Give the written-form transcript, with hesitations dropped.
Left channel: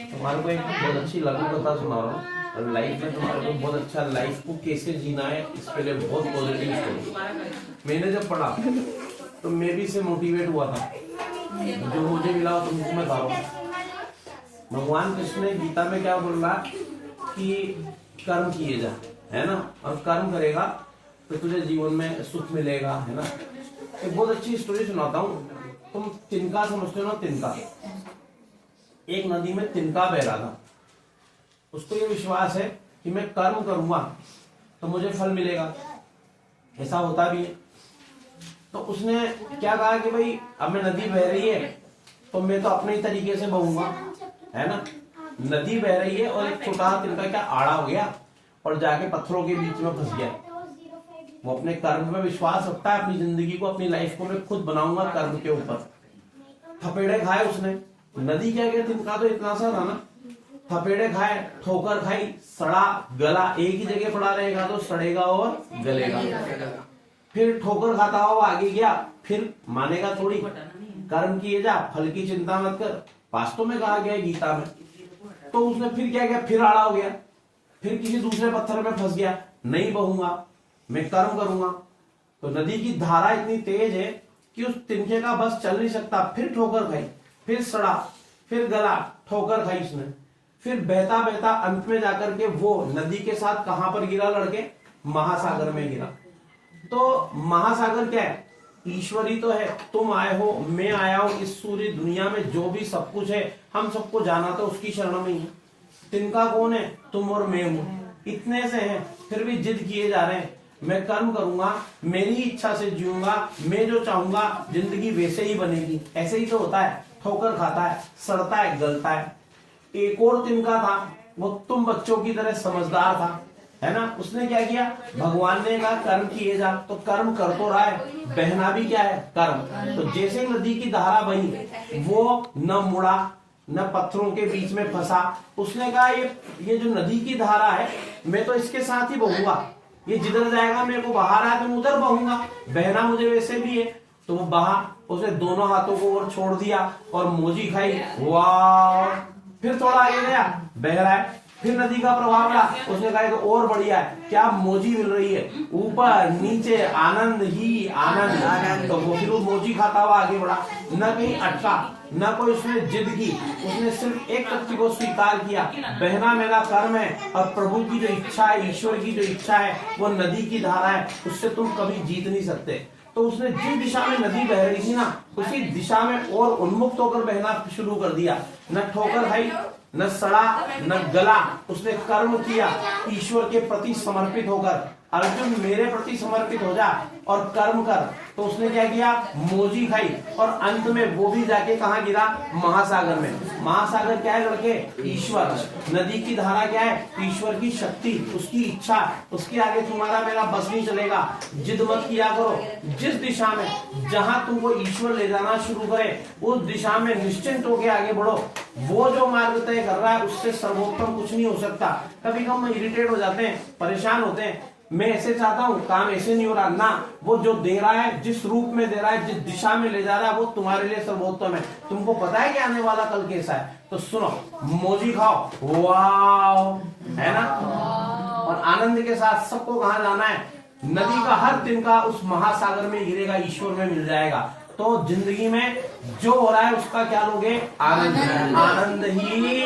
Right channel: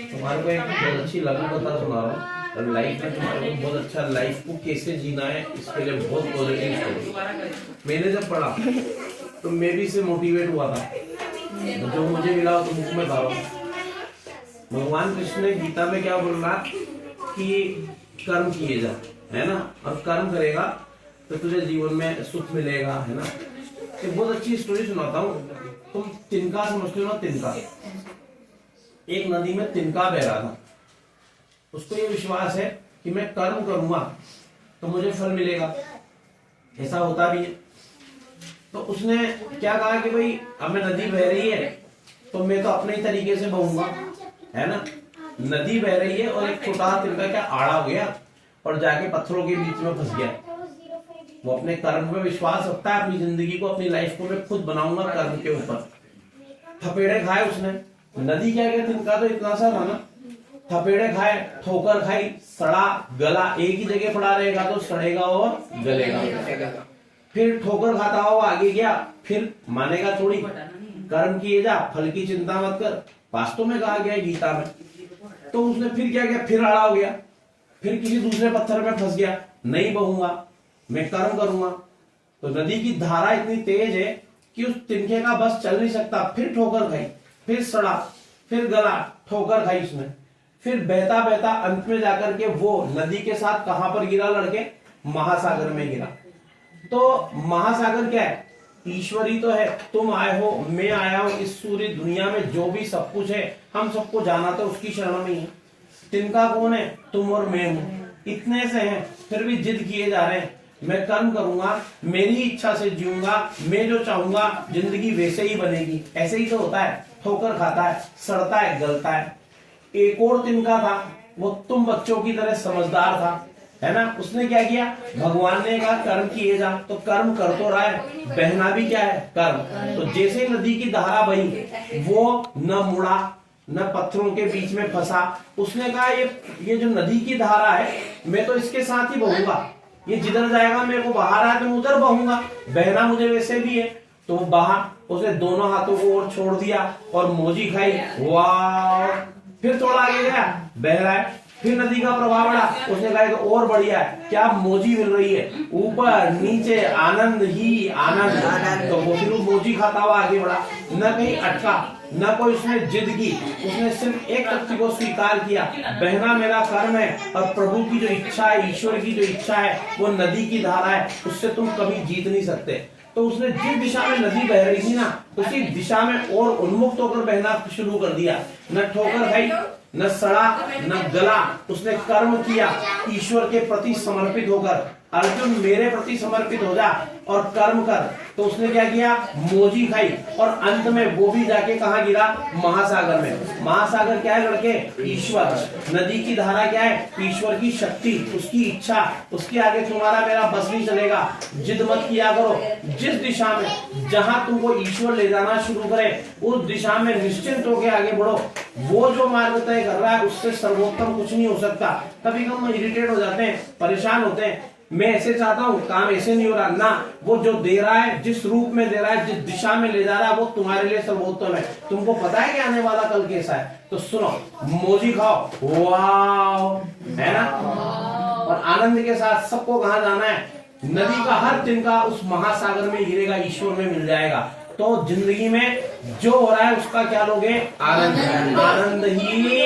तुम्हारे को एक बहुत अच्छी लघु कथा सुना रहा हूँ और लाइफ में तुम्हारे को बहुत अच्छा लाइफ को कैसे जीना है इसके लिए बहुत पॉजिटिव स्टोरी। मैंने जब पढ़ा तो मैं भी इससे मोटिवेट हुआ था, जो मुझे मिला तुमको मैं बता रहा हूँ। भगवान कृष्ण ने गीता में क्या बोल रहा कि कर्म किए जा, है ना, और कर्म करेगा तो तुझे जीवन में सुख मिलेगा, है ना। एक बहुत अच्छी स्टोरी सुनाता हूँ। तुम तिनका समझते हो ना, तिनका, एक नदी में तिनका बह रहा था। उसको ये विश्वास है कि मैं कर्म करूंगा तो मुझे फल मिलेगा, ऐसा होता भी है। तो उसने क्या कहा कि भाई अब मैं नदी बह रही है तो मैं तो अपने ही तरीके से बहूंगा, है ना। नदी बह रही है और एक छोटा तिनका क्या आड़ा हो गया और जाके पत्थरों के बीच में फंस गया। वो अपने कर्म में विश्वास रखता है, अपनी जिंदगी को, अपनी लाइफ को मैं खुद बनाऊंगा कर्म के ऊपर। थपेड़े खाए उसने, नदी क्या गया, तिनका तो इतना सा था ना। थपेड़े खाए, ठोकर खाई, सड़ा गला, एक ही जगह पड़ा रहेगा तो सड़ेगा और गलेगा। फिर ठोकर खाता हुआ आगे गया, फिर मानेगा थोड़ी, कर्म किए जा, फल की चिंता मत कर, वास्तव में कहा गया है गीता में। तो उसने फिर क्या किया, फिर आड़ा हो गया, फिर किसी दूसरे पत्थर में फंस गया, नहीं बहूंगा, मैं कर्म करूंगा। तो नदी की धारा इतनी तेज है कि उस तिनके का बस चल नहीं सकता। फिर ठोकर खाई, फिर सड़ा, फिर गला, ठोकर खाई उसने, फिर बहता बहता अंत में जाकर के वो नदी के साथ कहां पर गिरा, लड़के, महासागर में गिरा। तो महासागर क्या है, ईश्वरी तो है। तुम आए हो, मैं आया हूं, इस पूरी दुनिया में जो भी सब कुछ है हम सबको जाना तो उसकी शरण में ही है। तिनका कौन है, तुम और मैं हूं, इतने से हैं, फिर भी जिद किए जा रहे हैं, मैं कर्म करूंगा, मेरी इच्छा से जीऊंगा, मैं जो चाहूंगा जिंदगी वैसे ही बनेगी। ऐसे ही तो होता है, ठोकर खाता है, सड़ता है, गलता है। एक और तिनका था, वो तुम बच्चों की तरह समझदार था, है ना। उसने क्या किया, भगवान ने कहा कर्म किए जा, तो कर्म कर तो रहा है, बहना भी क्या है, कर्म। तो जैसे ही नदी की धारा बही, वो न मुड़ा न पत्थरों के बीच में फंसा। उसने कहा ये जो नदी की धारा है मैं तो इसके साथ ही बहूंगा, ये जिधर जाएगा मेरे को बहा रहा है तो मैं उधर बहूंगा, बहना मुझे वैसे भी है। तो वो बहा, उसने दोनों हाथों को और छोड़ दिया और मोजी खाई, वाह। फिर थोड़ा आगे गया, बह रहा है, फिर नदी का प्रभाव बढ़ा, उसने कहा तो और बढ़िया है, क्या मोजी मिल रही है, ऊपर नीचे आनंद ही आनंद। तो वो फिर मोजी खाता हुआ आगे बढ़ा, न कहीं अटका, न कोई उसने जिद की, उसने सिर्फ एक तथ्य को स्वीकार किया, बहना मेरा कर्म है और प्रभु की जो इच्छा है, ईश्वर की जो इच्छा है, वो नदी की धारा है, उससे तुम कभी जीत नहीं सकते। तो उसने जिस दिशा में नदी बह रही थी ना, उसी दिशा में और उन्मुक्त होकर बहना शुरू कर दिया। न ठोकर खाई, न सड़ा, न गला, उसने कर्म किया ईश्वर के प्रति समर्पित होकर। अर्जुन मेरे प्रति समर्पित हो जा और कर्म कर। तो उसने क्या किया, मोजी खाई और अंत में वो भी जाके कहा गिरा, महासागर में। महासागर क्या है लड़के, ईश्वर। नदी की धारा क्या है, ईश्वर की शक्ति, उसकी इच्छा, उसके आगे तुम्हारा मेरा बस नहीं चलेगा। जिद मत किया करो, जिस दिशा में जहां तुमको ईश्वर ले जाना शुरू करे उस दिशा में निश्चिंत होकर आगे बढ़ो। वो जो मार्ग तय कर रहा है उससे सर्वोत्तम कुछ नहीं हो सकता। कभी कभी इरिटेट हो जाते हैं, परेशान होते हैं, मैं ऐसे चाहता हूँ, काम ऐसे नहीं हो रहा ना, वो जो दे रहा है, जिस रूप में दे रहा है, जिस दिशा में ले जा रहा है, वो तुम्हारे लिए सर्वोत्तम है। तुमको पता है कि आने वाला कल कैसा है, तो सुनो, मोजी खाओ, वाह, है ना, और आनंद के साथ सबको कहाँ जाना है, नदी का हर तिनका उस महासागर में गिरेगा, ईश्वर में मिल जाएगा। तो जिंदगी में जो हो रहा है उसका क्या लोगे, आनंद। आनंद ही